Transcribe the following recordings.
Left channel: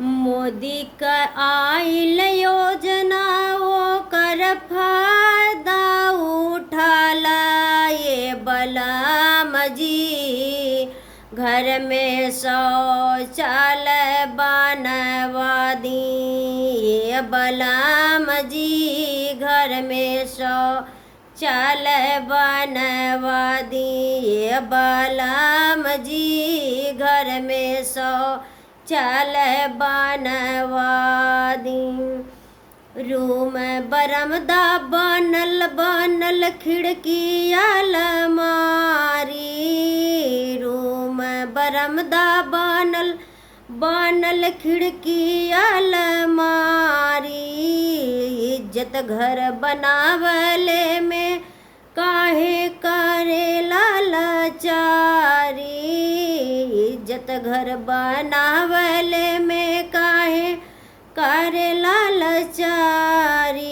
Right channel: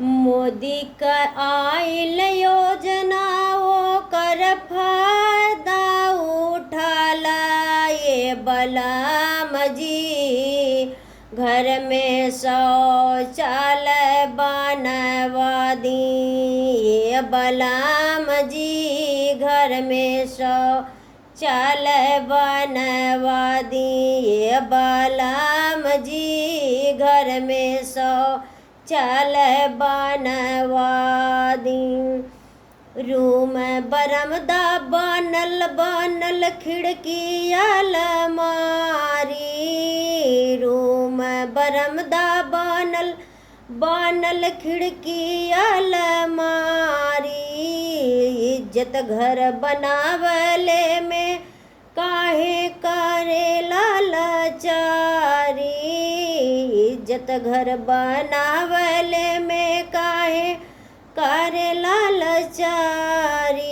मोदी क आइल योजना ओकर फायदा उठाला ये बलराम जी। घर में शौचालय बनवा दी ये बलराम जी। घर में शौचालय बनवा दी ये बलराम जी। घर में शौचालय बनवा दी। रूम बरामदा बनल खिड़की अलमारी। रूम बरामदा बनल खिड़की अलमारी। इज्जत घर बनावले में काहे करेला लाचारी। इज्जत घर बनावले में काहे करेला लाचारी।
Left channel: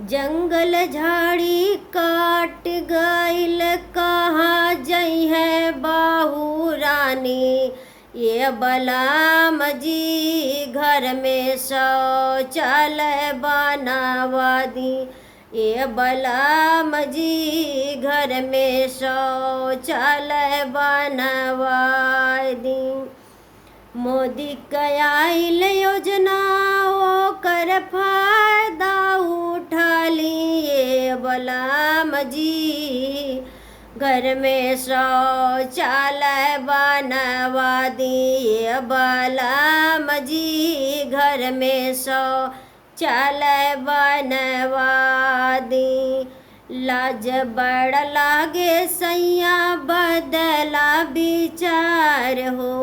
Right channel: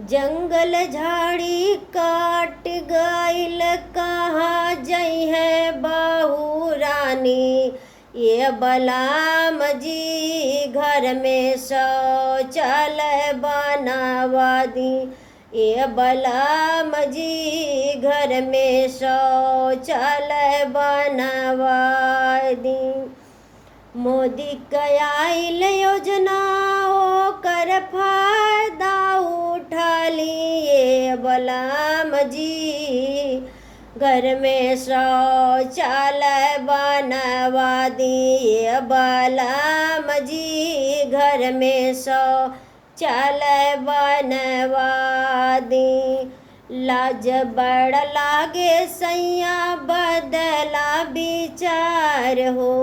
जंगल झाड़ी काट गइल कहाँ जई है बहू रानी ये बलराम जी। घर में शौचालय बनवा दी ये बलराम जी। घर में शौचालय बनवा दी। मोदी क आइल योजना ओकर फायदा उठा लिए बलराम जी। घर में शौचालय बनवा दिए बलराम जी। घर में शौचालय बनवा दी। लाज बड़ लागे सैया बदला विचार हो।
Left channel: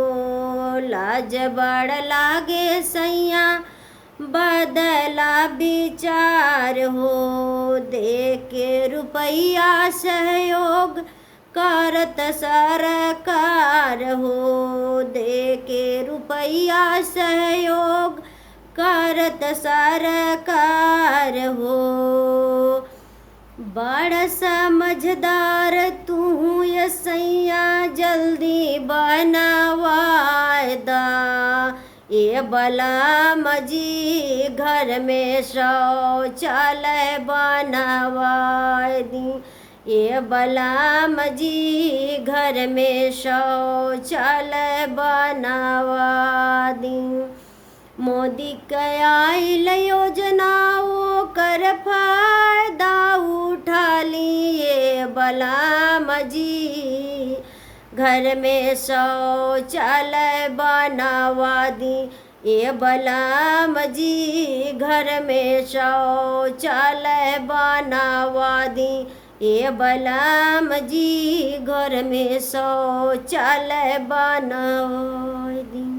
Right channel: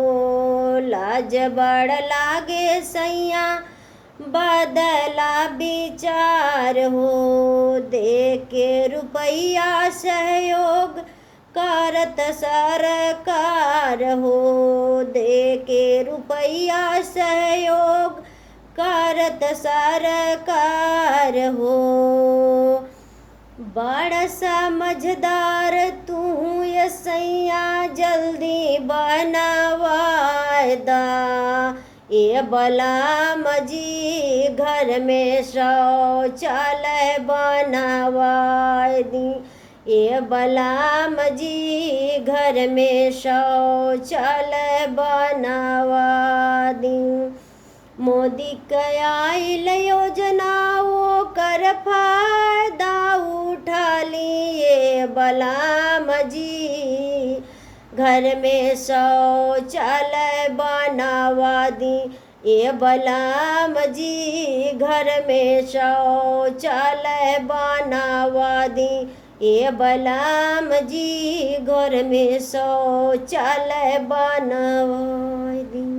लाज बड़ लागे सैया बदला विचार हो। दे के रुपया सहयोग करत सरकार हो। दे के रुपया सहयोग करत सरकार हो। बड़ समझदार तू ये सैया जल्दी बनवा दा ये बलराम जी। घर में शौचालय बनवा दी ये बलराम जी। घर में शौचालय बनवा दी। मोदी क आइल योजना ओकर फायदा उठा लिए बलराम जी। घर में शौचालय बनवा दी ये बलराम जी। घर में शौचालय बनवा दी ये बलराम जी। घर में शौचालय बनवा दी।